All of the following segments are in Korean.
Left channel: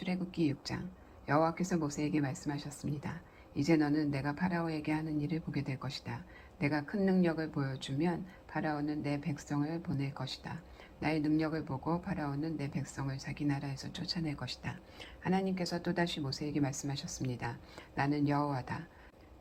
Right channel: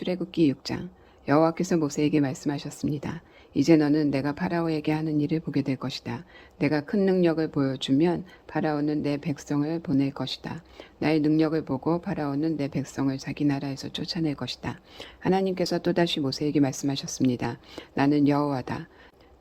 출애굽기 6장. 여호와께서 모세에게 말씀하셨습니다. 이제 너는 내가 파라오에게 하는 일을 보게 될 것이다. 내가 큰 능력을 보여주면 파라오는 내 백성을 보낼 것이다. 나의 능력을 보고 파라오는 내 백성을 자기 나라에서 쫓아낼 것이다. 하나님께서 또다시 모세에게 말씀하셨습니다. 나는 여호와다.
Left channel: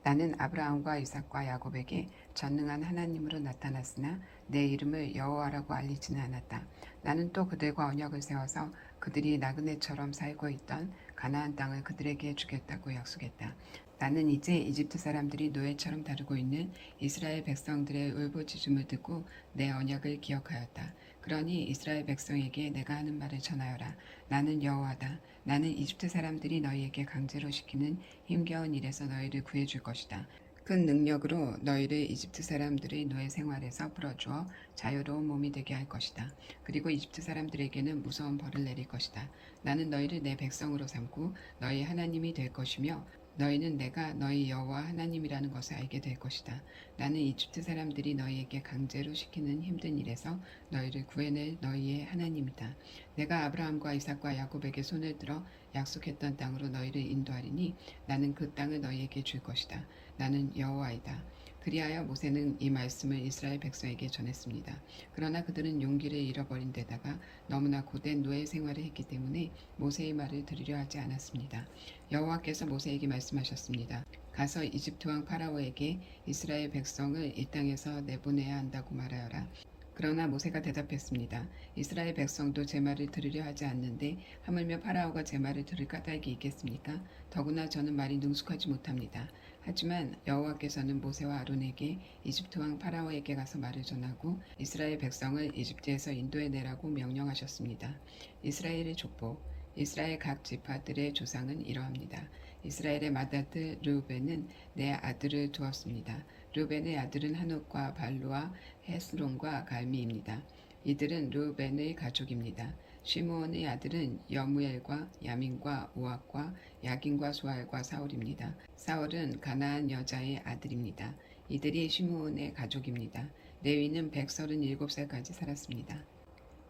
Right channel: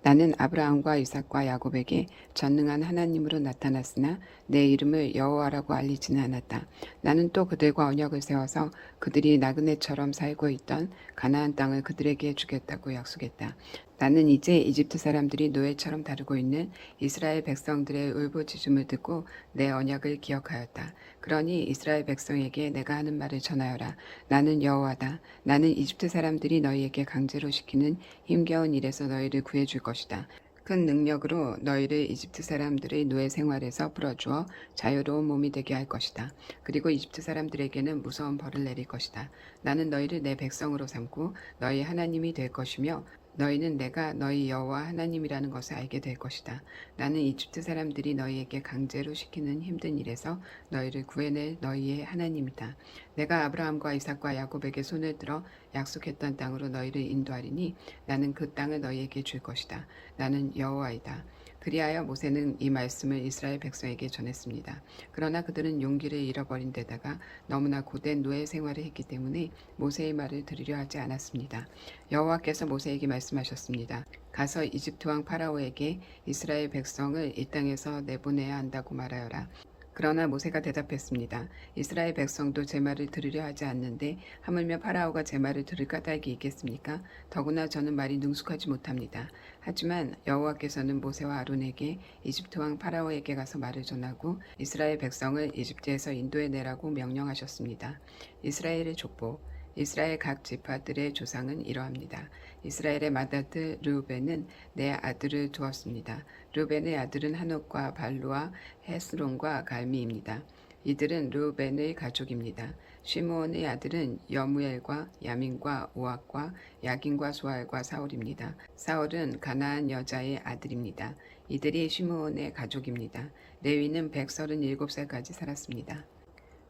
나는 아브라함과 이삭과 야곱에게 전능한 하나님으로 나타났으나 내 이름을 여호와라고 알리지는 않았다. 나는 또 그들과 언약을 세워서 그들이 나그네처럼 살고 있던 가나안 땅을 그들에게 주겠다고 약속했다. 나는 이제 이집트 사람들이 노예처럼 다루고 있는 이스라엘 백성들의 울부짖음을 듣고 내 언약을 기억하였다. 그러니 이스라엘 백성에게 내가 하는 말을 전하여라. 나는 여호와다. 나는 이집트 사람들이 너희에게 강제로 시키는 힘겨운 일에서 너희를 구해줄 것이다. 큰 능력으로 너희를 이집트 사람들의 노예 생활에서 풀어주어 자유로운 몸이 되게 할 것이다. 그리고 이집트 사람들에게는 무서운 벌을 내릴 것이다. 나는 너희를 내 백성으로 삼고 너희 하나님이 될 것이며 너희는 내가 너희 여호와 하나님이라는 것을 알게 될 것이다. 나는 이집트 사람들이 너희에게 강제로 시키는 힘든 일에서 너희를 구해낼 너희의 하나님이다. 내가 아브라함과 이삭과 야곱에게 손을 들어 약속했던 땅으로 너희를 인도하리니 나는 그 땅을 너희에게 줄 것이다. 나는 여호와이다. 그리하여 모세는 이 말씀을 이스라엘 백성에게 전했습니다. 그러나 그들은 용기를 잃어버린 데다가 너무나 고된 노예 생활을 했기 때문에 모세의 말을 들으려 하지 않았습니다. 여호와께서 모세에게 말씀하셨습니다. 가서 이집트 왕 파라오에게 이스라엘 백성을 이 땅에서 내보내야 한다고 말하여라. 그러나 모세가 대답했습니다. 이스라엘 백성도 제 말을 들으려 하지 않는데 하물며 파라오가 제 말을 들을 까닭이 있겠습니까? 더구나 저는 말이 능숙하지 못합니다. 하지만 여호와께서는 모세와 아론에게 이집트 왕 파라오에게 가서 말을 전하고 이스라엘 백성을 이집트에서 인도해내라고 명령하셨습니다. 이스라엘의 족보. 이스라엘 각 지파들의 조상은 이러합니다. 이스라엘의 맏아들 르우벤은 내 아들을 두었습니다. 르우벤의 아들은 하녹과 발루와 헤스론과 갈미입니다. 이들은 르우벤의 가족입니다. 시므온의 아들은 여무엘과 야민과 오악과 야긴과 소알과 사울입니다. 사울은 가나안 여자의 아들입니다. 이들이 시므온의 가족입니다. 레위는 137살까지 살았습니다.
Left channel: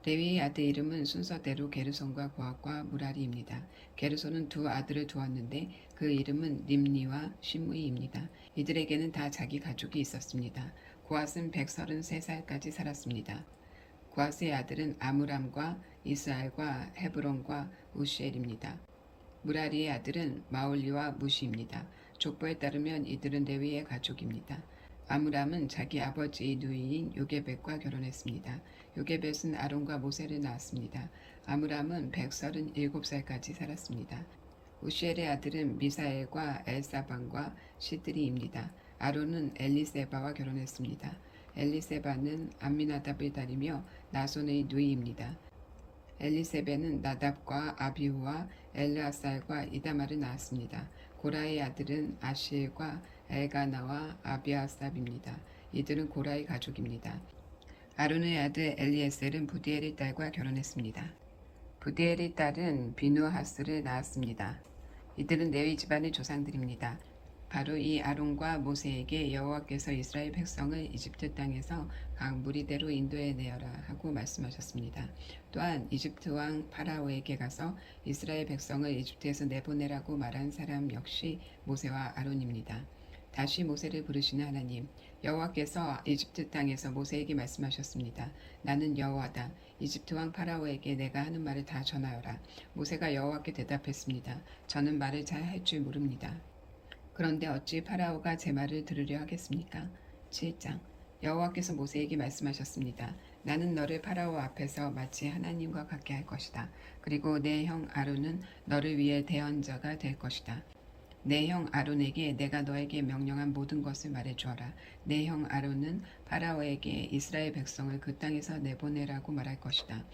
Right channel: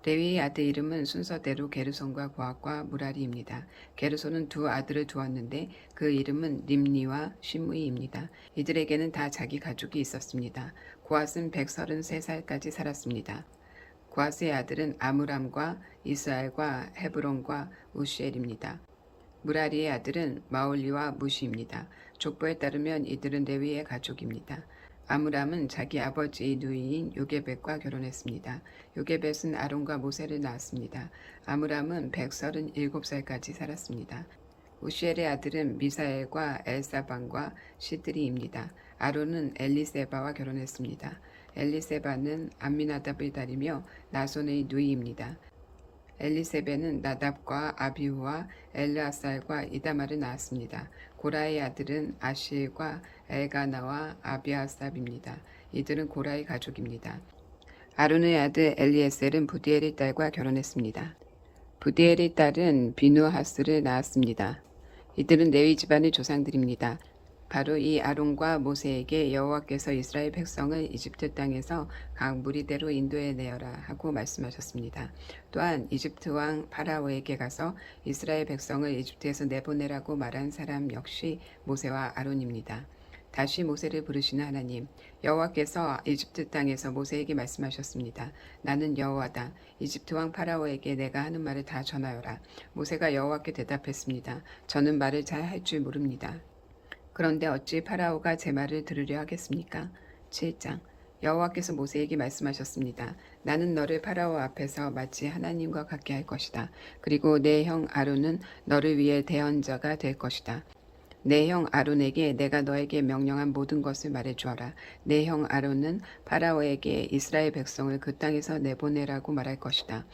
레위의 아들 이름은 순서대로 게르손과 고핫과 무라리입니다. 게르손은 두 아들을 두었는데 그 이름은 림니와 시므이입니다. 이들에게는 다 자기 가족이 있었습니다. 고핫은 133살까지 살았습니다. 고핫의 아들은 아므람과 이스알과 헤브론과 우시엘입니다. 무라리의 아들은 마올리와 무시입니다. 족보에 따르면 이들은 레위의 가족입니다. 아므람은 자기 아버지의 누이인 요게벳과 결혼했습니다. 요게벳은 아론과 모세를 낳았습니다. 아므람은 137살까지 살았습니다. 우시엘의 아들은 미사엘과 엘사반과 시드리입니다. 아론은 엘리세바와 결혼했습니다. 엘리세바는 암미나답의 딸이며 나손의 누이입니다. 엘리세베는 나답과 아비후와 엘르아살과 이다말을 낳았습니다. 고라의 아들은 아시엘과 엘가나와 아비아삽입니다. 이들은 고라의 가족입니다. 아론의 아들 엘리에셀은 부디엘의 딸과 결혼했습니다. 부디엘의 딸은 비누하스를 낳았습니다. 이들은 레위 집안의 조상들입니다. 바로 이 아론과 모세에게 여호와께서 이스라엘 백성을 이집트 땅에서 각 무리대로 인도해내어라 하고 말씀하셨습니다. 또한 이집트 왕 파라오에게 가서 이스라엘 백성을 이집트에서 내보내라고 말한 사람 역시 모세와 아론입니다. 다시 모세를 부르시는 하나님. 여호와께서 이집트 땅에서 모세에게 말씀하셨습니다. 나는 여호와다. 이집트 왕 파라오에게 내가 하는 말을 다 전하여라. 모세가 여호와께 대답했습니다. 저는 말을 잘 할 줄 모릅니다. 그런데 어찌 파라오가 제 말을 들으려 하겠습니까? 7장. 여호와께서 모세에게 말씀하셨습니다. 나는 너를 파라오 앞에서 마치 하나님과 같게 할 것이다. 그리고 내 형 아론은 너를 위해 대언자가 될 것이다. 내 형 아론에게 내가 너에게 명령한 모든 것을 말해주어라. 내 형 아론은 파라오에게 이스라엘 백성을 그 땅에서 내보내라고 말할 것이다.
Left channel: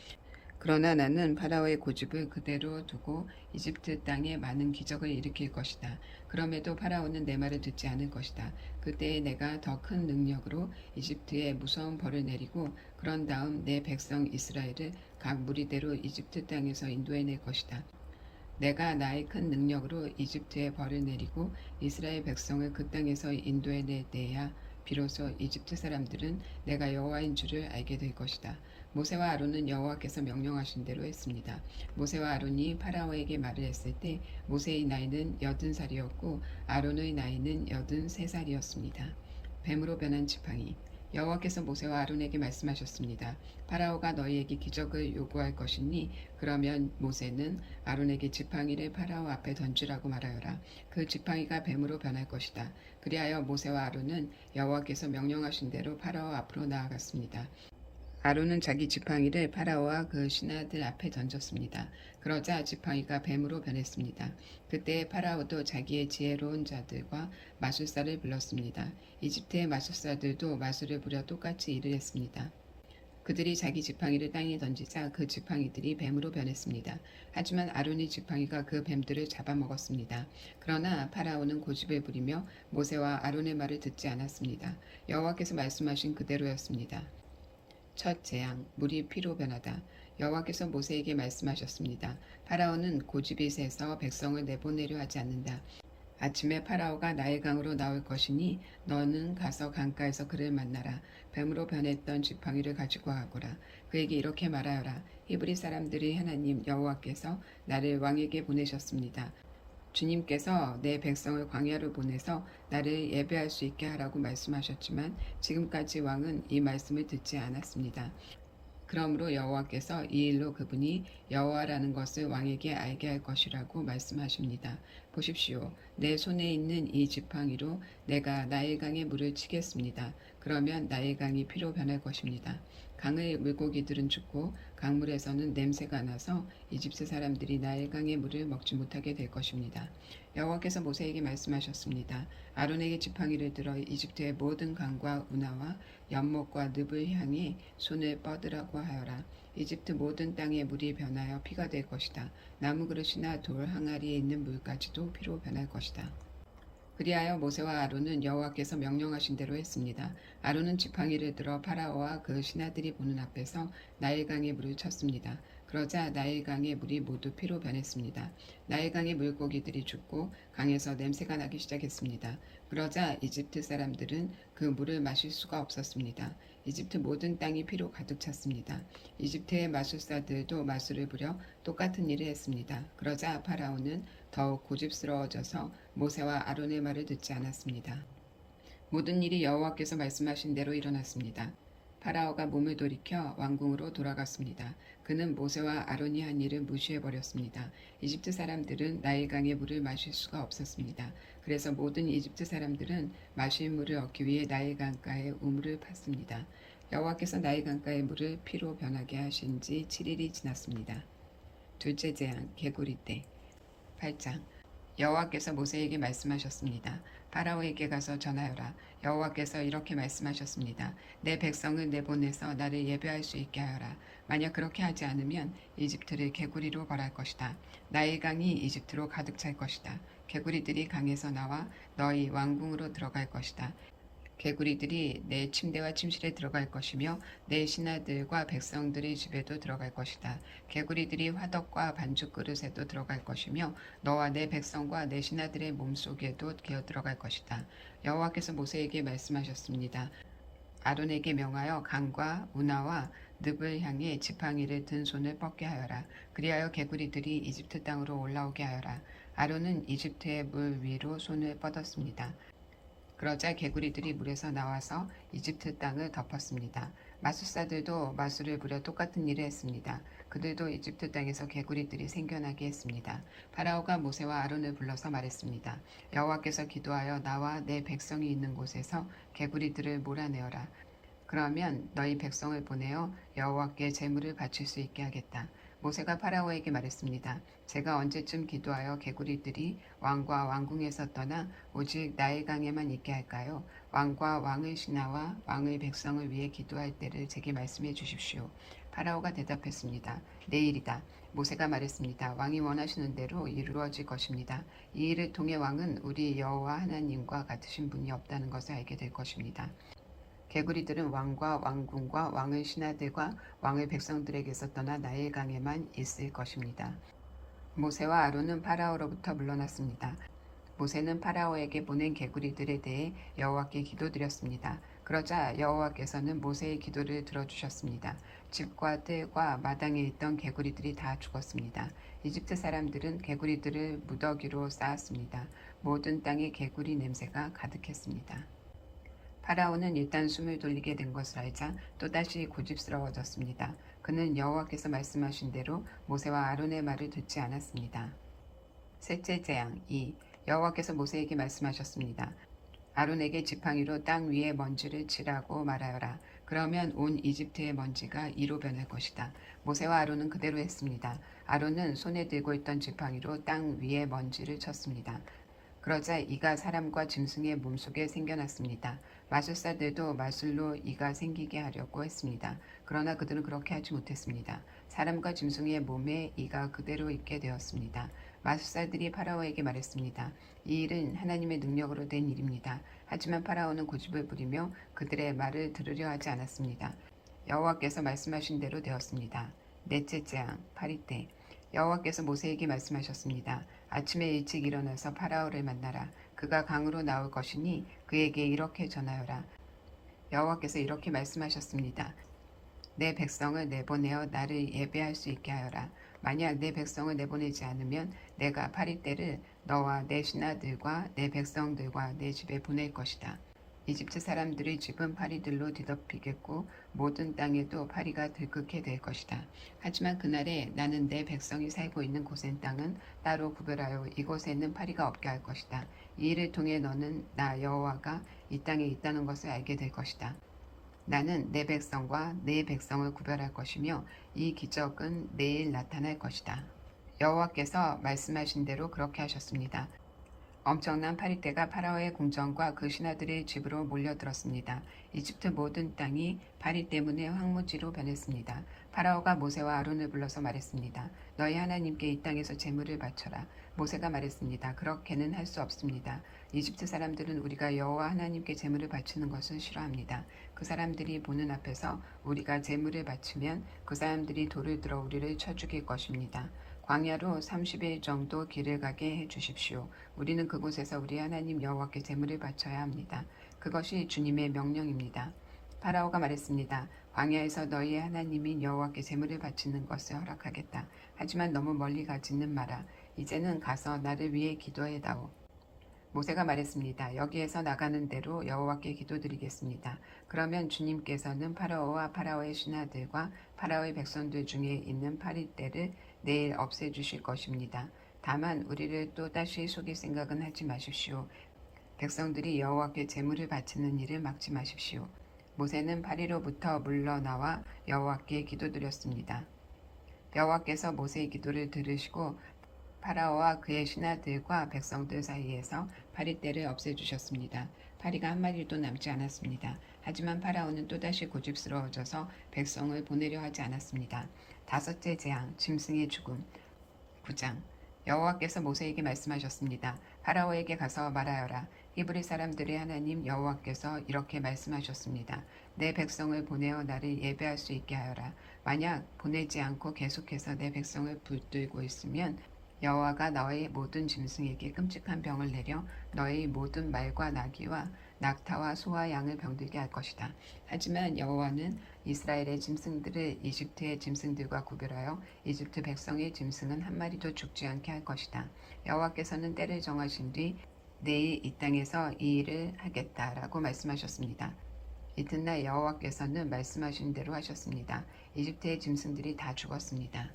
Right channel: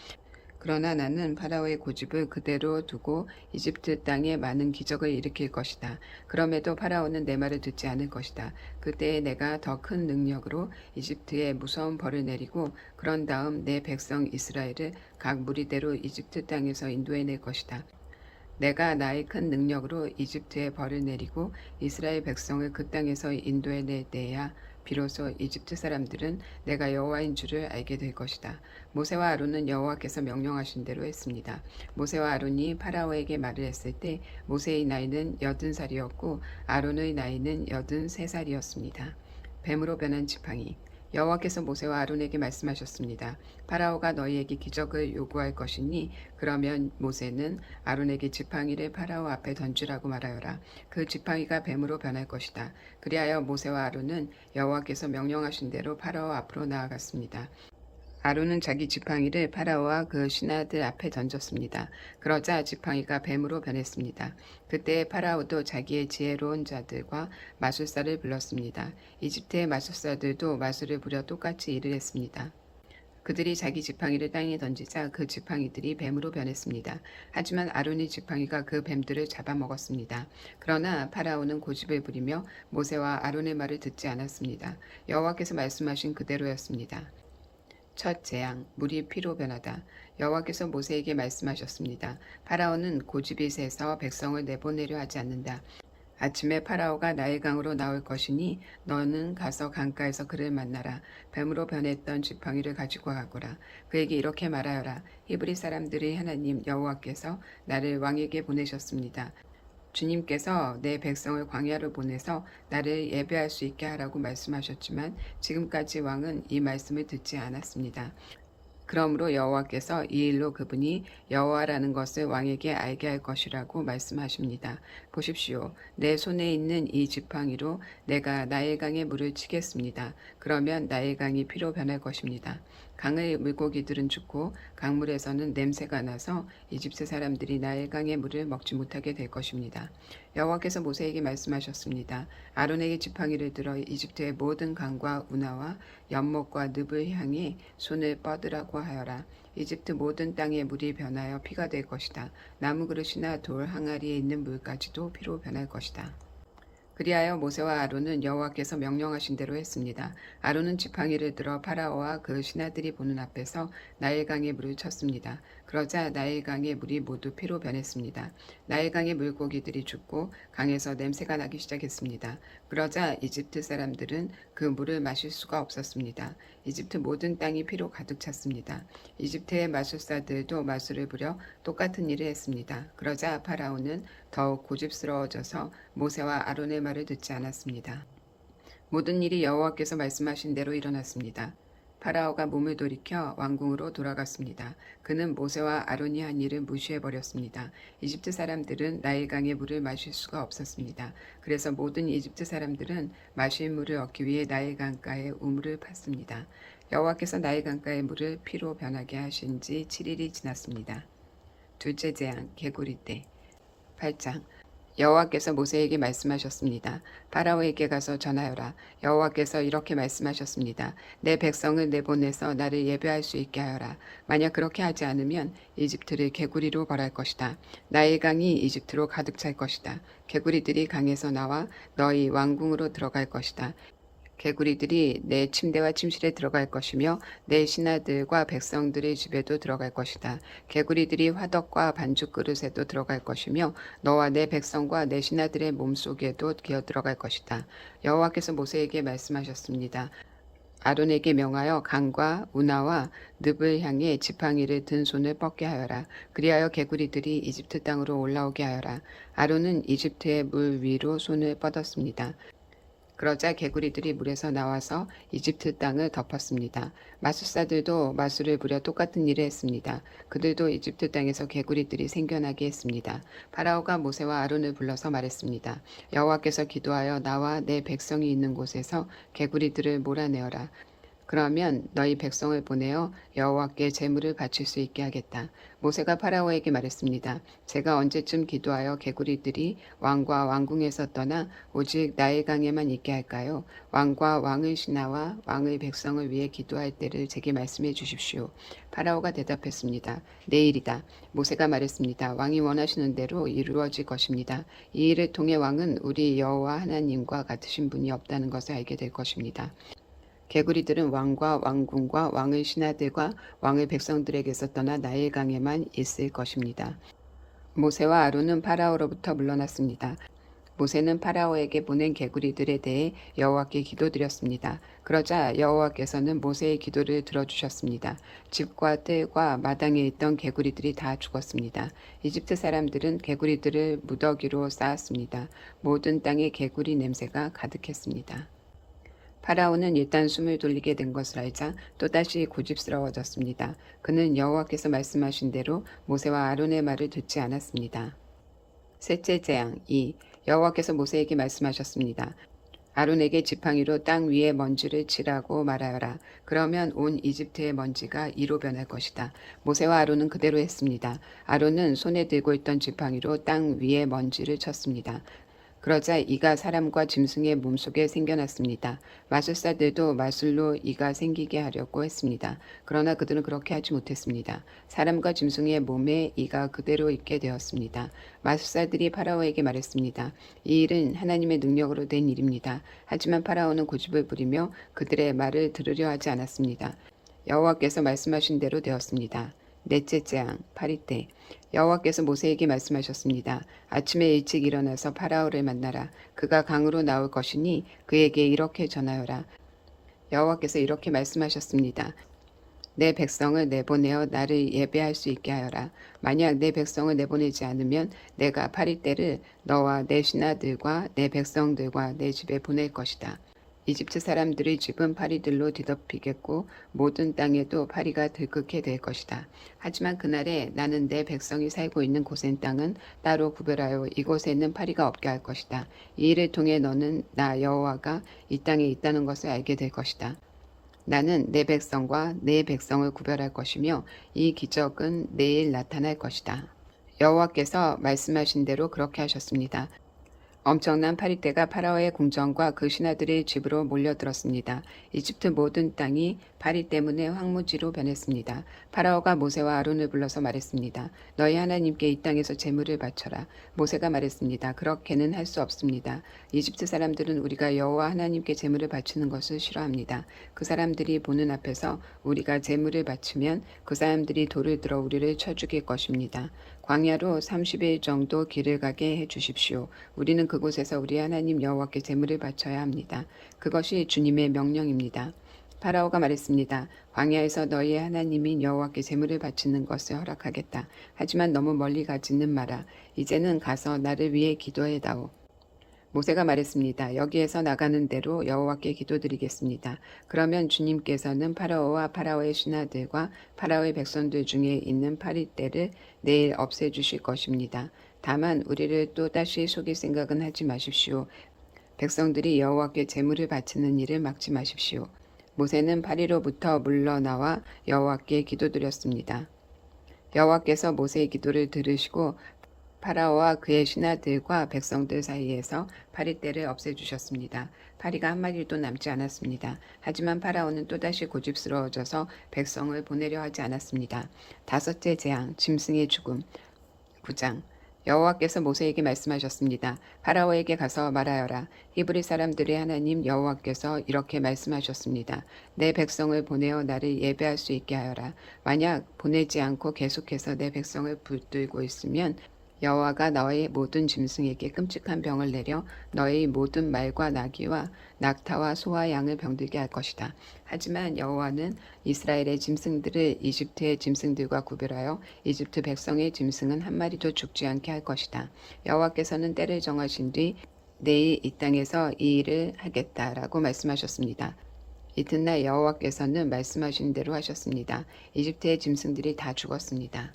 그러나 나는 파라오의 고집을 그대로 두고 이집트 땅에 많은 기적을 일으킬 것이다. 그럼에도 파라오는 내 말을 듣지 않을 것이다. 그때에 내가 더 큰 능력으로 이집트에 무서운 벌을 내리고 그런 다음 내 백성 이스라엘을 각 무리대로 이집트 땅에서 인도해낼 것이다. 내가 나의 큰 능력으로 이집트에 벌을 내리고 이스라엘 백성을 그 땅에서 인도해낼 때야 비로소 이집트 사람들은 내가 여호와인 줄을 알게 될 것이다. 모세와 아론은 여호와께서 명령하신 대로 했습니다. 모세와 아론이 파라오에게 말을 했을 때 모세의 나이는 80살이었고 아론의 나이는 83살이었습니다. 뱀으로 변한 지팡이. 여호와께서 모세와 아론에게 말씀하셨습니다. 파라오가 너희에게 기적을 요구할 것이니 그러면 모세는 아론에게 지팡이를 파라오 앞에 던지라고 말하여라. 그 지팡이가 뱀으로 변할 것이다. 그리하여 모세와 아론은 여호와께서 명령하신 대로 파라오 앞으로 나아갔습니다. 아론은 자기 지팡이를 파라오와 그 신하들 앞에 던졌습니다. 그러자 지팡이가 뱀으로 변했습니다. 그때 파라오도 자기의 지혜로운 자들과 마술사를 불렀습니다. 이집트의 마술사들도 마술을 부려 똑같이 일을 했습니다. 그들이 자기 지팡이를 땅에 던지자 그 지팡이들이 뱀으로 변했습니다. 하지만 아론의 지팡이가 그 뱀들을 잡아먹었습니다. 그러나 파라오는 고집을 부리며 모세와 아론의 말을 듣지 않았습니다. 여호와께서 말씀하신 그대로였습니다. 첫 재앙, 물이 피로 변하다. 여호와께서 모세에게 말씀하셨습니다. 파라오는 고집이 세서 백성을 내보내려 하지 않는다. 아침에 파라오가 나일강으로 나올 것이니 너는 가서 강가에서 그를 만나라. 뱀으로 변했던 지팡이를 가지고 가거라. 그에게 이렇게 말하여라. 히브리 사람들의 하나님 여호와께서 나를 왕에게 보내셨습니다. 주님께서 내 백성을 광야로 보내서 나를 예배할 수 있게 하라고 말씀하셨지만 지금까지 왕은 이 말씀을 듣지 않았습니다. 그러므로 여호와께서 이 일로 그분이 여호와라는 것을 왕에게 알게 할 것이라고 말씀하십니다. 보십시오. 내 손에 있는 이 지팡이로 내가 나일강에 물을 치겠습니다. 그러면 나일강이 피로 변할 것입니다. 강의 물고기들은 죽고 강물에서는 냄새가 나서 이집트 사람들이 나일강의 물을 먹지 못하게 될 것입니다. 여호와께서 모세에게 말씀하셨습니다. 아론에게 지팡이를 들어 이집트의 모든 강과 운하와 연못과 늪을 향해 손을 뻗으라고 하여라. 이집트 모든 땅의 물이 변하여 피가 될 것이다. 나무 그릇이나 돌 항아리에 있는 물까지도 피로 변할 것이다. 그리하여 모세와 아론은 여호와께서 명령하신 대로 했습니다. 아론은 지팡이를 들어 파라오와 그 신하들이 보는 앞에서 나일강의 물을 쳤습니다. 그러자 나일강의 물이 모두 피로 변했습니다. 나일강의 물고기들이 죽고 강에서 냄새가 나기 시작했습니다. 그러자 이집트 사람들은 그 물을 마실 수가 없었습니다. 이집트 모든 땅이 피로 가득 찼습니다. 이집트의 마술사들도 마술을 부려 똑같은 일을 했습니다. 그러자 파라오는 더욱 고집스러워져서 모세와 아론의 말을 듣지 않았습니다. 모든 일이 여호와께서 말씀하신 대로 일어났습니다. 파라오가 몸을 돌이켜 왕궁으로 돌아갔습니다. 그는 모세와 아론이 한 일을 무시해버렸습니다. 이집트 사람들은 나일강의 물을 마실 수가 없었습니다. 그래서 모든 이집트 사람들은 마실 물을 얻기 위해 나일강가에 우물을 팠습니다. 여호와께서 나일강가의 물을 피로 변하게 하신 지 7일이 지났습니다. 둘째 재앙, 개구리 떼. 8장. 여호와께서 모세에게 말씀하셨습니다. 파라오에게 가서 전하여라. 여호와께서 이렇게 말씀하셨습니다. 내 백성을 내보내서 나를 예배할 수 있게 하여라. 만약 그렇게 하지 않으면 이집트를 개구리로 벌할 것이다. 나일강이 이집트로 가득 찰 것이다. 개구리들이 강에서 나와 너희 왕궁으로 들어갈 것이다. 개구리들이 내 침대와 침실에 들어갈 것이며 내 신하들과 백성들의 집에도 들어갈 것이다. 개구리들이 화덕과 반죽 그릇에도 들어갈 것이며 너와 내 백성과 내 신하들의 몸속에도 기어 들어갈 것이다. 여호와께서 모세에게 말씀하셨습니다. 아론에게 명하여 강과 운하와 늪을 향해 지팡이를 든 손을 뻗게 하여라. 그리하여 개구리들이 이집트 땅으로 올라오게 하여라. 아론은 이집트의 물 위로 손을 뻗었습니다. 그러자 개구리들이 물에서 나와서 이집트 땅을 덮었습니다. 마술사들도 마술을 부려 똑같은 일을 했습니다. 그들도 이집트 땅에서 개구리들이 생겨나게 했습니다. 파라오가 모세와 아론을 불러서 말했습니다. 여호와께서 기도하여 나와 내 백성이 있는 곳에서 개구리들을 몰아내어라. 그러면 너희 백성을 보내어 여호와께 제물을 바칠 수 있게 하겠다. 모세가 파라오에게 말했습니다. 제가 언제쯤 기도하여 개구리들이 왕과 왕궁에서 떠나 오직 나일강에만 있게 할까요? 왕과 왕의 신하와 왕의 백성을 위해 기도할 때를 제게 말씀해 주십시오. 파라오가 대답했습니다. 내일이다. 모세가 말했습니다. 왕이 원하시는 대로 이루어질 것입니다. 이 일을 통해 왕은 우리 여호와 하나님과 같으신 분이 없다는 것을 알게 될 것입니다. 개구리들은 왕과 왕궁과 왕의 신하들과 왕의 백성들에게서 떠나 나일강에만 있을 것입니다. 모세와 아론은 파라오로부터 물러났습니다. 모세는 파라오에게 보낸 개구리들에 대해 여호와께 기도드렸습니다. 그러자 여호와께서는 모세의 기도를 들어주셨습니다. 집과 뜰과 마당에 있던 개구리들이 다 죽었습니다. 이집트 사람들은 개구리들을 무더기로 쌓았습니다. 모든 땅에 개구리 냄새가 가득했습니다. 파라오는 일단 숨을 돌리게 된 것을 알자 또다시 고집스러워졌습니다. 그는 여호와께서 말씀하신 대로 모세와 아론의 말을 듣지 않았습니다. 셋째 재앙 2. 여호와께서 모세에게 말씀하셨습니다. 아론에게 지팡이로 땅 위에 먼지를 칠하고 말하여라. 그러면 온 이집트의 먼지가 이로 변할 것이다. 모세와 아론은 그대로 했습니다. 아론은 손에 들고 있던 지팡이로 땅 위에 먼지를 쳤습니다. 그러자 이가 사람과 짐승의 몸속에 생겨났습니다. 마술사들도 마술로 이가 생기게 하려고 했습니다. 그러나 그들은 그렇게 하지 못했습니다. 사람과 짐승의 몸에 이가 그대로 있게 되었습니다. 마술사들이 파라오에게 말했습니다. 이 일은 하나님의 능력으로 된 일입니다. 하지만 파라오는 고집을 부리며 그들의 말을 들으려 하지 않았습니다. 여호와께서 말씀하신 대로 되었습니다. 넷째 재앙 8일 때 여호와께서 모세에게 말씀하셨습니다. 아침에 일찍 일어나서 파라오를 만나라. 그가 강으로 나올 것이니 그에게 이렇게 전하여라. 여호와께서 이렇게 말씀하셨습니다. 내 백성을 내보내어 나를 예배할 수 있게 하여라. 만약 내 백성을 내보내지 않으면 내가 파리 때를 너와 내 신하들과 내 백성들과 내 집에 보낼 것이다. 이집트 사람들의 집은 파리들로 뒤덮이겠고 모든 땅에도 파리가 들끓게 될 것이다. 하지만 그날에 나는 내 백성이 살고 있는 곳의 땅은 따로 구별하여 이곳에는 파리가 없게 할 것이다. 이 일을 통해 너는 나 여호와가 이 땅에 있다는 것을 알게 될 것이다. 나는 내 백성과 내 백성을 구별할 것이며 이 기적은 내일 나타날 것이다. 여호와께서 말씀하신 대로 그렇게 하셨습니다. 엄청난 파리떼가 파라오의 궁정과 그 신하들의 집으로 몰려들었습니다. 이집트 모든 땅이 파리 때문에 황무지로 변했습니다. 파라오가 모세와 아론을 불러서 말했습니다. 너희 하나님께 이 땅에서 제물을 바쳐라. 모세가 말했습니다. 그렇게는 할 수 없습니다. 이집트 사람들은 우리가 여호와 하나님께 제물을 바치는 것을 싫어합니다. 그 사람들이 보는 앞에서 우리가 제물을 바치면 그 사람들이 돌을 들어 우리를 쳐 죽일 것입니다. 광야로 30일 정도 길을 가게 해 주십시오. 우리는 그곳에서 우리 하나님 여호와께 제물을 바쳐야 합니다. 그것이 주님의 명령입니다. 파라오가 말했습니다. 광야에서 너희의 하나님인 여호와께 제물을 바치는 것을 허락하겠다. 하지만 너무 멀리 가지는 마라. 이제는 가서 나를 위해 기도해다오. 모세가 말했습니다. 여기에서 나가는 대로 여호와께 기도드리겠습니다. 그러면 주님께서는 파라오와 파라오의 신하들과 파라오의 백성들 중에 있는 파리떼를 내일 없애주실 것입니다. 다만 우리를 또다시 속일 생각은 하지 마십시오. 백성들이 여호와께 제물을 바치는 일을 막지 마십시오. 모세는 파리로부터 물러나와 여호와께 기도드렸습니다. 여호와께서 모세의 기도를 들으시고 파라오와 그의 신하들과 백성들 사이에서 파리떼를 없애주셨습니다. 파리가 한 마리도 남지 않았습니다. 하지만 파라오는 또다시 고집스러워져서 백성을 보내려 하지 않았습니다. 다섯째 재앙, 짐승의 죽음. 9장. 여호와께서 모세에게 말씀하셨습니다. 파라오에게 가서 말하여라. 히브리 사람들의 하나님 여호와께서 이렇게 말씀하셨습니다. 내 백성을 보내어 나를 예배할 수 있게 하여라. 만약 보내지 않고 계속해서 내 백성을 붙들고 있으면 여호와가 너의 모든 짐승에게 끔찍한 병을 내려 너의 모든 말과 나귀와 낙타와 소와 양을 병들게 할 것이다. 하지만 여호와는 이스라엘의 짐승들을 이집트의 짐승들과 구별하여 이집트 백성의 짐승은 한 마리도 죽지 않게 할 것이다. 여호와께서는 때를 정하신 뒤 내일 이 땅에서 이 일을 하겠다라고 말씀하셨습니다. 이튿날 여호와께서는 말씀하신 대로 하셨습니다. 이집트의 짐승들이 다 죽었습니다.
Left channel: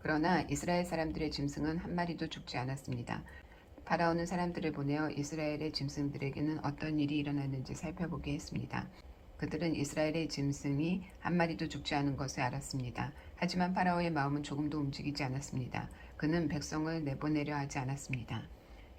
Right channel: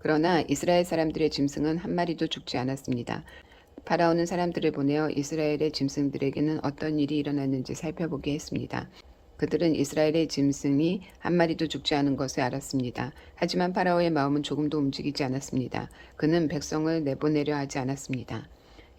그러나 이스라엘 사람들의 짐승은 한 마리도 죽지 않았습니다. 파라오는 사람들을 보내어 이스라엘의 짐승들에게는 어떤 일이 일어났는지 살펴보게 했습니다. 그들은 이스라엘의 짐승이 한 마리도 죽지 않은 것을 알았습니다. 하지만 파라오의 마음은 조금도 움직이지 않았습니다. 그는 백성을 내보내려 하지 않았습니다.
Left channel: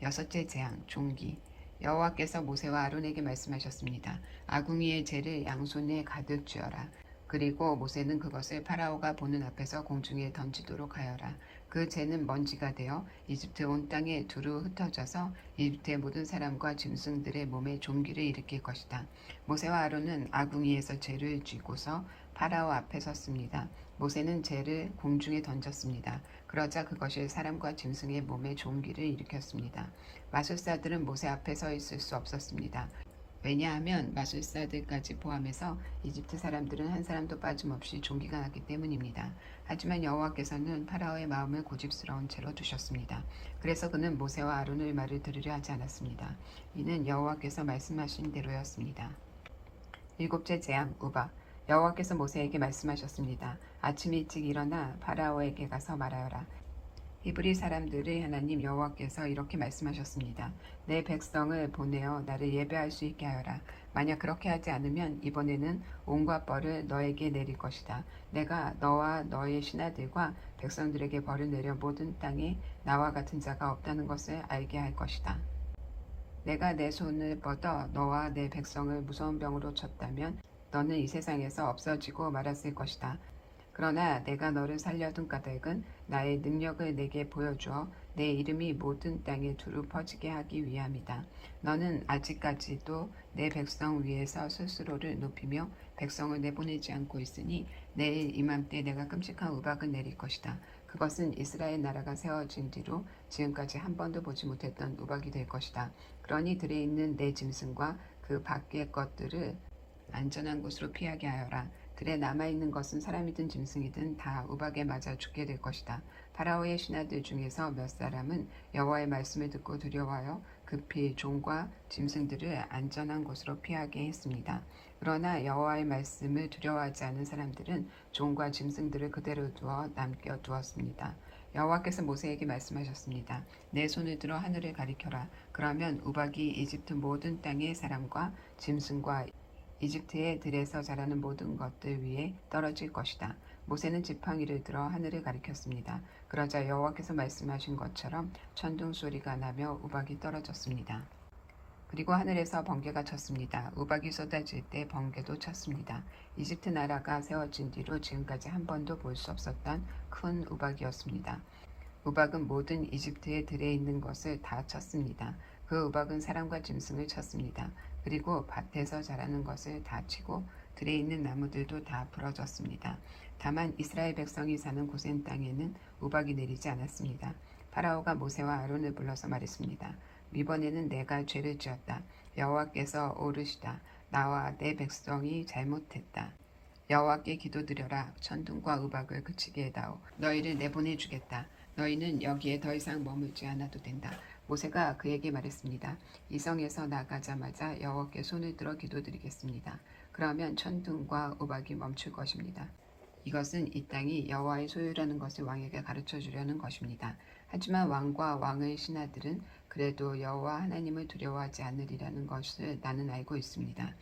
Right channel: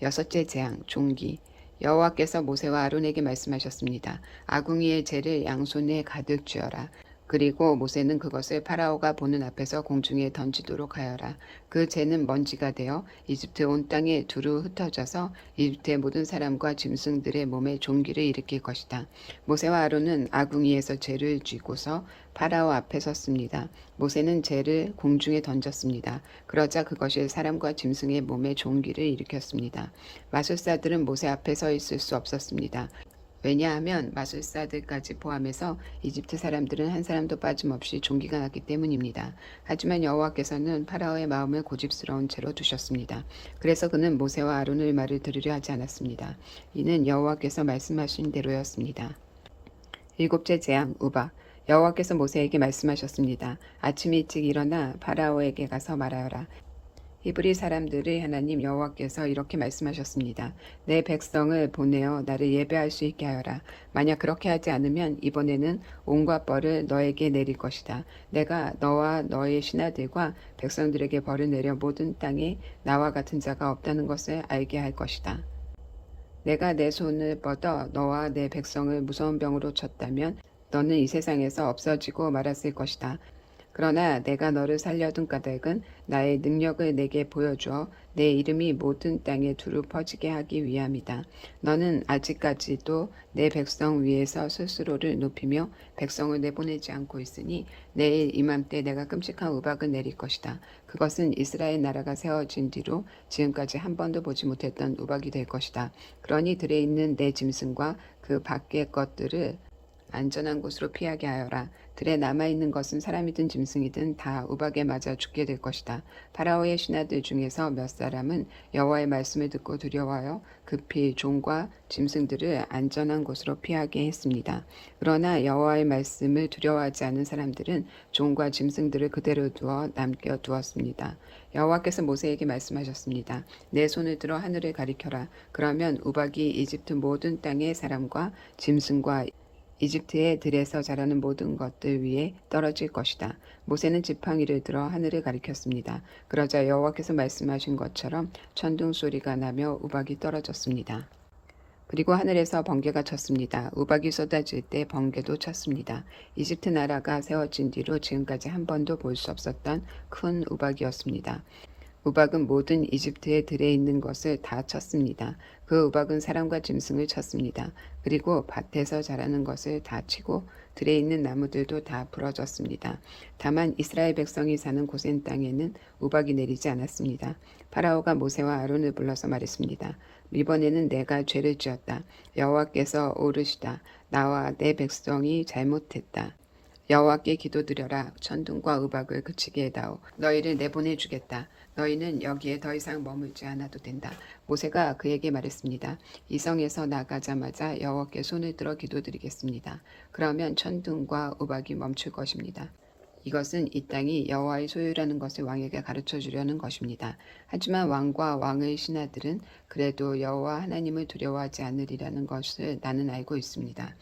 여섯째 재앙, 종기. 여호와께서 모세와 아론에게 말씀하셨습니다. 아궁이의 재를 양손에 가득 쥐어라. 그리고 모세는 그것을 파라오가 보는 앞에서 공중에 던지도록 하여라. 그 재는 먼지가 되어 이집트 온 땅에 두루 흩어져서 이집트의 모든 사람과 짐승들의 몸에 종기를 일으킬 것이다. 모세와 아론은 아궁이에서 재를 쥐고서 파라오 앞에 섰습니다. 모세는 재를 공중에 던졌습니다. 그러자 그것이 사람과 짐승의 몸에 종기를 일으켰습니다. 마술사들은 모세 앞에 서 있을 수 없었습니다. 왜냐하면 마술사들까지 포함해서 이집트 사람들은 한 사람도 빠짐없이 종기가 났기 때문입니다. 하지만 여호와께서는 파라오의 마음을 고집스러운 채로 두셨습니다. 그래서 그는 모세와 아론의 말을 들으려 하지 않았습니다. 이는 여호와께서 말씀하신 대로였습니다. 일곱째 재앙 우박. 여호와께서 모세에게 말씀하셨습니다. 아침 일찍 일어나 파라오에게 가서 말하여라. 히브리 사람들의 하나님 여호와께서 이렇게 말씀하셨습니다. 내 백성을 보내어 나를 예배할 수 있게 하여라. 만약 그렇게 하지 않으면 이번에는 온갖 벌을 너에게 내릴 것이다. 내가 너와 너의 신하들과 백성들에게 벌을 내려 모든 땅에 나와 같은 자가 없다는 것을 알게 할 것이다. 내가 내 손을 뻗어 너와 내 백성을 무서운 병으로 쳤다면 너는 이 세상에서 없어지고 말았을 것이다. 그러나 내가 너를 살려둔 까닭은 나의 능력을 내게 보여주어 내 이름이 모든 땅에 두루 퍼지게 하기 위함이다. 너는 아직까지도 내 백성 위에서 스스로를 높이며 백성을 내보내지 않고 있으니 내일 이맘때 내가 끔찍한 우박을 내릴 것이다. 그것은 이스라엘 나라가 세워진 뒤로 지금까지 한 번도 보지 못했던 우박이 될 것이다. 그러니 들에 있는 내 짐승과 그 밖의 것들을 안전한 곳으로 피하게 하여라. 들에 남아있는 것은 사람이든 짐승이든 다 우박에 맞아 죽게 될 것이다. 파라오의 신하들 중에서 몇 사람은 여호와의 말씀을 듣고 두려워하여 급히 종과 짐승들을 안전한 곳으로 피하게 했습니다. 그러나 여호와의 말씀을 두려워하지 않은 사람들은 종과 짐승들을 그대로 두어 남겨두었습니다. 여호와께서 모세에게 말씀하셨습니다. 내 손을 들어 하늘을 가리켜라. 그러면 우박이 이집트 모든 땅의 사람과 짐승과 이집트의 들에서 자라는 모든 것들 위에 떨어질 것이다. 모세는 지팡이를 들어 하늘을 가리켰습니다. 그러자 여호와께서 말씀하신 것처럼 천둥 소리가 나며 우박이 떨어졌습니다. 그리고 하늘에서 번개가 쳤습니다. 우박이 쏟아질 때 번개도 쳤습니다. 이집트 나라가 세워진 뒤로 지금까지 한 번도 볼 수 없었던 큰 우박이었습니다. 우박은 모든 이집트의 들에 있는 것을 다 쳤습니다. 그 우박은 사람과 짐승을 쳤습니다. 그리고 밭에서 자라는 것을 다 치고 들에 있는 나무들도 다 부러졌습니다. 다만 이스라엘 백성이 사는 고센 땅에는 우박이 내리지 않았습니다. 파라오가 모세와 아론을 불러서 말했습니다. 이번에는 내가 죄를 지었다. 여호와께서 오르시다. 나와 내 백성이 잘못했다. 여호와께 기도드려라. 천둥과 우박을 그치게 해다오. 너희를 내보내주겠다. 너희는 여기에 더 이상 머물지 않아도 된다. 모세가 그에게 말했습니다. 이 성에서 나가자마자 여호와께 손을 들어 기도드리겠습니다. 그러면 천둥과 우박이 멈출 것입니다. 이것은 이 땅이 여호와의 소유라는 것을 왕에게 가르쳐 주려는 것입니다. 하지만 왕과 왕의 신하들은 그래도 여호와 하나님을 두려워하지 않으리라는 것을 나는 알고 있습니다.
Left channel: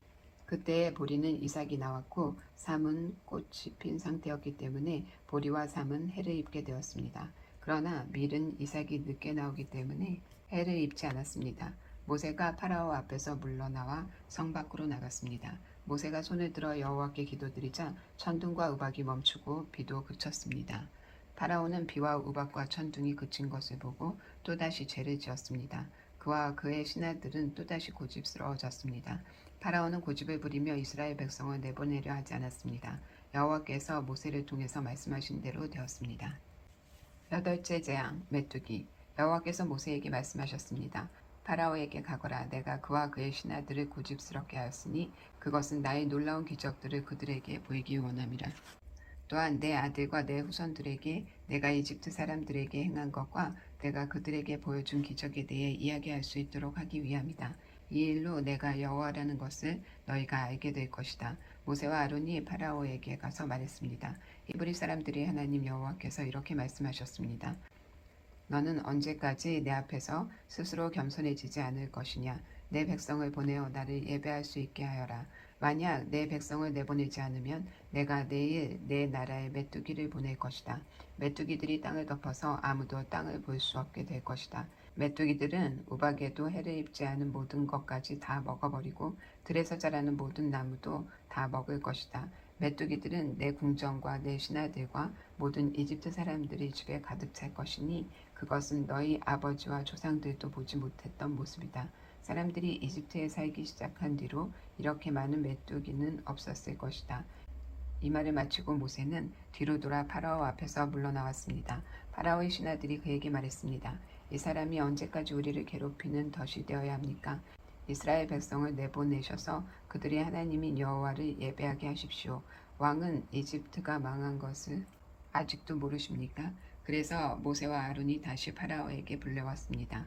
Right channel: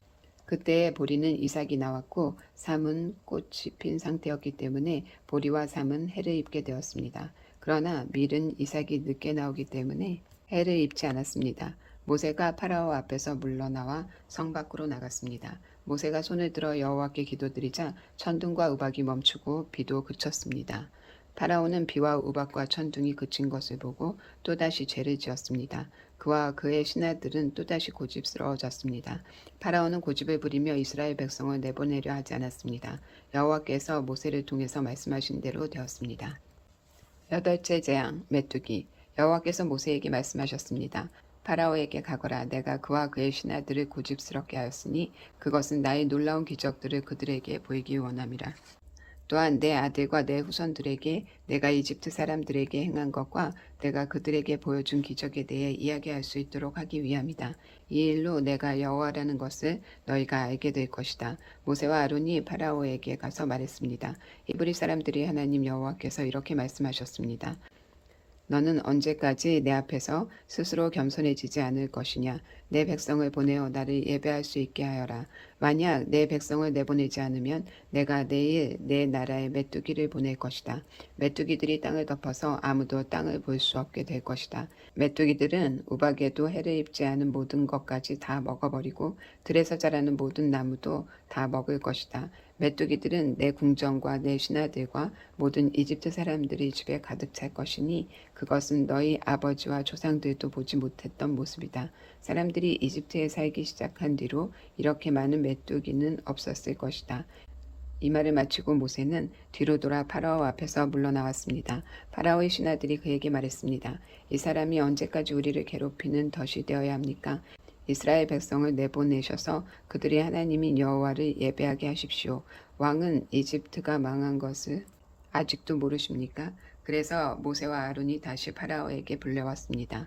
그때에 보리는 이삭이 나왔고 삼은 꽃이 핀 상태였기 때문에 보리와 삼은 해를 입게 되었습니다. 그러나 밀은 이삭이 늦게 나오기 때문에 해를 입지 않았습니다. 모세가 파라오 앞에서 물러나와 성 밖으로 나갔습니다. 모세가 손을 들어 여호와께 기도드리자 천둥과 우박이 멈추고 비도 그쳤습니다. 파라오는 비와 우박과 천둥이 그친 것을 보고 또다시 죄를 지었습니다. 그와 그의 신하들은 또다시 고집스러워졌습니다. 파라오는 고집을 부리며 이스라엘 백성을 내보내려 하지 않았습니다. 여호와께서 모세를 통해서 말씀하신 대로 되었습니다. 여덟째 재앙 메뚜기. 여호와께서 모세에게 말씀하셨습니다. 파라오에게 가거라. 내가 그와 그의 신하들을 고집스럽게 하였으니 그것은 나의 놀라운 기적들을 그들에게 보이기 원함이라. 또한 내 아들과 내 후손들에게 내가 이집트 사람들에게 행한 것과 내가 그들에게 보여준 기적에 대해 이야기할 수 있도록 하기 위함이다. 이 일로 내가 여호와라는 것을 너희가 알게 될 것이다. 모세와 아론이 파라오에게 가서 말했습니다. 히브리 사람들이 하나님 여호와께서 이렇게 말씀하셨습니다. 너는 언제까지 내 앞에서 스스로 겸손해지지 않을 것이냐. 내 백성을 보내어 나를 예배할 수 있게 하여라. 만약 내 백성을 내보내지 않으면 내가 내일 내 나라에 메뚜기를 보낼 것이다. 메뚜기들이 땅을 덮어서 아무도 땅을 볼 수 없게 될 것이다. 메뚜기들은 우박에도 해를 입지 않은 모든 것까지 다 먹어버리고 들에서 자라는 모든 나무도 다 먹을 것이다. 메뚜기들은 내 궁정과 내 신하들과 모든 이집트 사람들의 집에 가득 찰 것이니 그것은 너희 아버지와 조상들도 보지 못했던 모습이다. 사람들이 이집트에 살기 시작한 뒤로 이렇게 많은 메뚜기는 없었을 것이다. 이 말을 마치고 모세는 뒤로 돌아 파라오 앞에서 물러나왔습니다. 파라오의 신하들이 그에게 말했습니다. 이 사람이 언제까지 우리를 괴롭히는 덫이 되어야 합니까? 이스라엘 백성을 내보내셔서 그들이 하나님인 여호와를 예배하게 하십시오. 왕은 이집트가 망한 것을 아직도 모르십니까? 그래서 모세와 아론이 다시 파라오에게 불려왔습니다.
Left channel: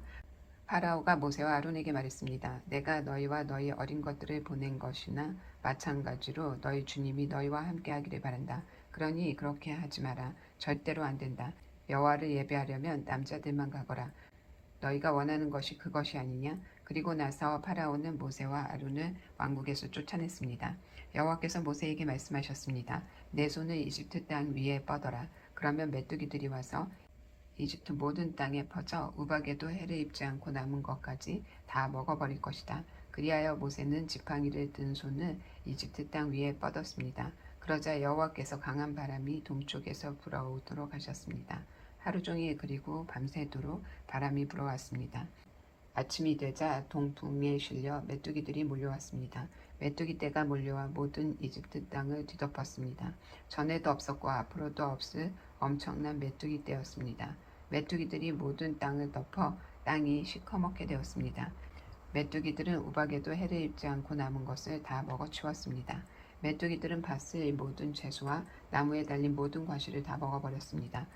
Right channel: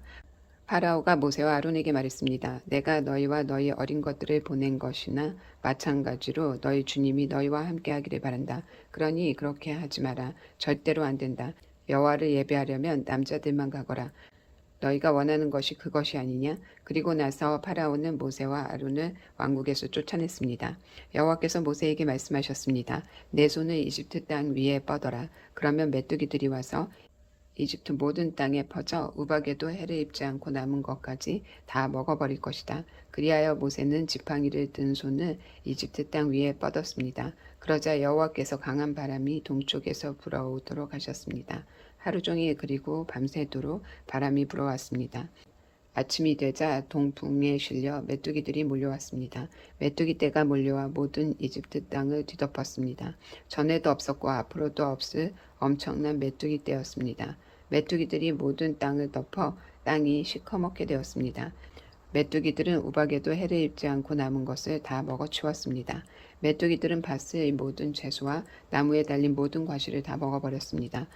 파라오가 모세와 아론에게 말했습니다. 내가 너희와 너희 어린 것들을 보낸 것이나 마찬가지로 너희 주님이 너희와 함께하기를 바란다. 그러니 그렇게 하지 마라. 절대로 안 된다. 여호와를 예배하려면 남자들만 가거라. 너희가 원하는 것이 그것이 아니냐? 그리고 나서 파라오는 모세와 아론을 왕국에서 쫓아냈습니다. 여호와께서 모세에게 말씀하셨습니다. 내 손을 이집트 땅 위에 뻗어라. 그러면 메뚜기들이 와서 이집트 모든 땅에 퍼져 우박에도 해를 입지 않고 남은 것까지 다 먹어버릴 것이다. 그리하여 모세는 지팡이를 든 손을 이집트 땅 위에 뻗었습니다. 그러자 여호와께서 강한 바람이 동쪽에서 불어오도록 하셨습니다. 하루 종일 그리고 밤새도록 바람이 불어왔습니다. 아침이 되자 동풍에 실려 메뚜기들이 몰려왔습니다. 메뚜기 떼가 몰려와 모든 이집트 땅을 뒤덮었습니다. 전에도 없었고 앞으로도 없을 엄청난 메뚜기 떼였습니다. 메뚜기들이 모든 땅을 덮어 땅이 시커멓게 되었습니다. 메뚜기들은 우박에도 해를 입지 않고 남은 것을 다 먹어치웠습니다. 메뚜기들은 밭의 모든 채소와 나무에 달린 모든 과실을 다 먹어버렸습니다.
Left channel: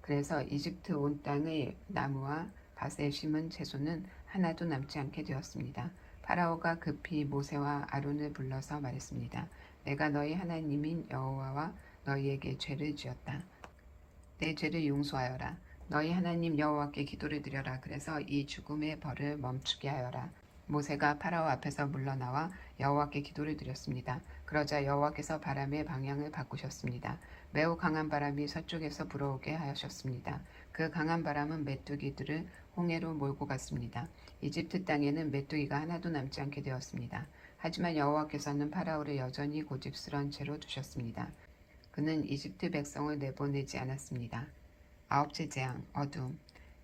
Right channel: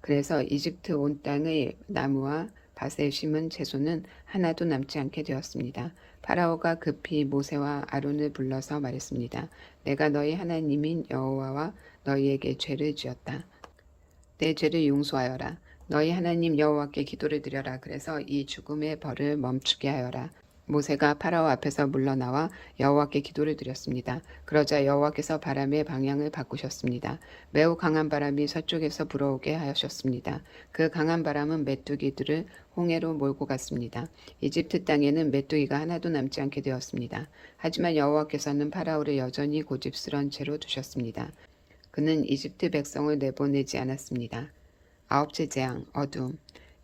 그래서 이집트 온 땅의 나무와 밭에 심은 채소는 하나도 남지 않게 되었습니다. 파라오가 급히 모세와 아론을 불러서 말했습니다. 내가 너희 하나님인 여호와와 너희에게 죄를 지었다. 내 죄를 용서하여라. 너희 하나님 여호와께 기도를 드려라. 그래서 이 죽음의 벌을 멈추게 하여라. 모세가 파라오 앞에서 물러나와 여호와께 기도를 드렸습니다. 그러자 여호와께서 바람의 방향을 바꾸셨습니다. 매우 강한 바람이 서쪽에서 불어오게 하셨습니다. 그 강한 바람은 메뚜기들을 홍해로 몰고 갔습니다. 이집트 땅에는 메뚜기가 하나도 남지 않게 되었습니다. 하지만 여호와께서는 파라오를 여전히 고집스런 채로 두셨습니다. 그는 이집트 백성을 내보내지 않았습니다. 아홉째 재앙, 어둠.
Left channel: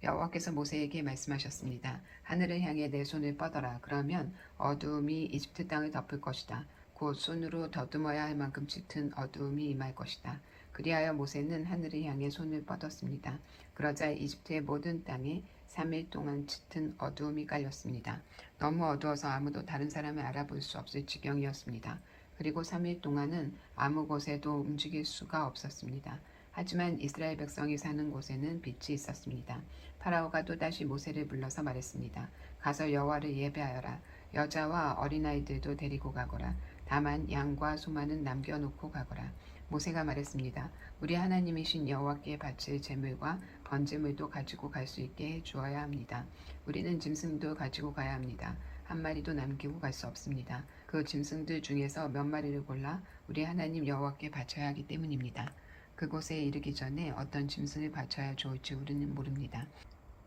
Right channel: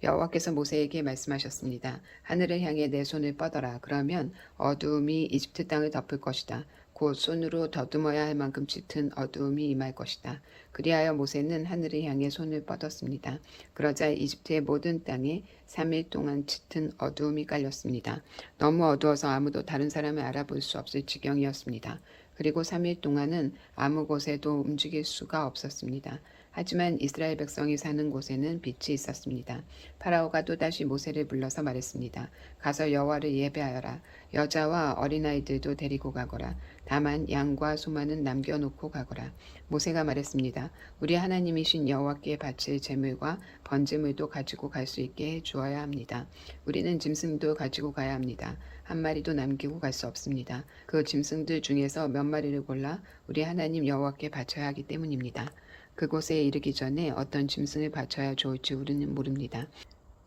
여호와께서 모세에게 말씀하셨습니다. 하늘을 향해 내 손을 뻗어라. 그러면 어두움이 이집트 땅을 덮을 것이다. 곧 손으로 더듬어야 할 만큼 짙은 어두움이 임할 것이다. 그리하여 모세는 하늘을 향해 손을 뻗었습니다. 그러자 이집트의 모든 땅에 3일 동안 짙은 어두움이 깔렸습니다. 너무 어두워서 아무도 다른 사람을 알아볼 수 없을 지경이었습니다. 그리고 3일 동안은 아무 곳에도 움직일 수가 없었습니다. 하지만 이스라엘 백성이 사는 곳에는 빛이 있었습니다. 파라오가 또다시 모세를 불러서 말했습니다. 가서 여호와를 예배하여라. 여자와 어린아이들도 데리고 가거라. 다만 양과 소만은 남겨놓고 가거라. 모세가 말했습니다. 우리 하나님이신 여호와께 바칠 제물과 번제물도 가지고 갈 수 있게 해주어야 합니다. 우리는 짐승도 가지고 가야 합니다. 한 마리도 남기고 갈 수 없습니다. 그 짐승들 중에서 몇 마리를 골라 우리 하나님 여호와께 바쳐야 하기 때문입니다. 그곳에 이르기 전에 어떤 짐승을 바쳐야 좋을지 우리는 모릅니다.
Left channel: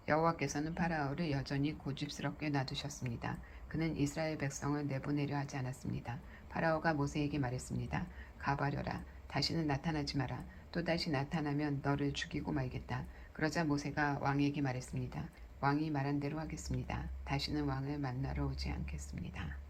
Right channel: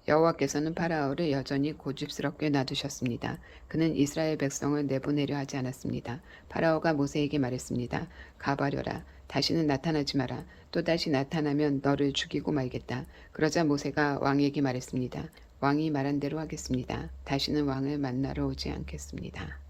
여호와께서는 파라오를 여전히 고집스럽게 놔두셨습니다. 그는 이스라엘 백성을 내보내려 하지 않았습니다. 파라오가 모세에게 말했습니다. 가버려라. 다시는 나타나지 마라. 또다시 나타나면 너를 죽이고 말겠다. 그러자 모세가 왕에게 말했습니다. 왕이 말한 대로 하겠습니다. 다시는 왕을 만나러 오지 않겠습니다.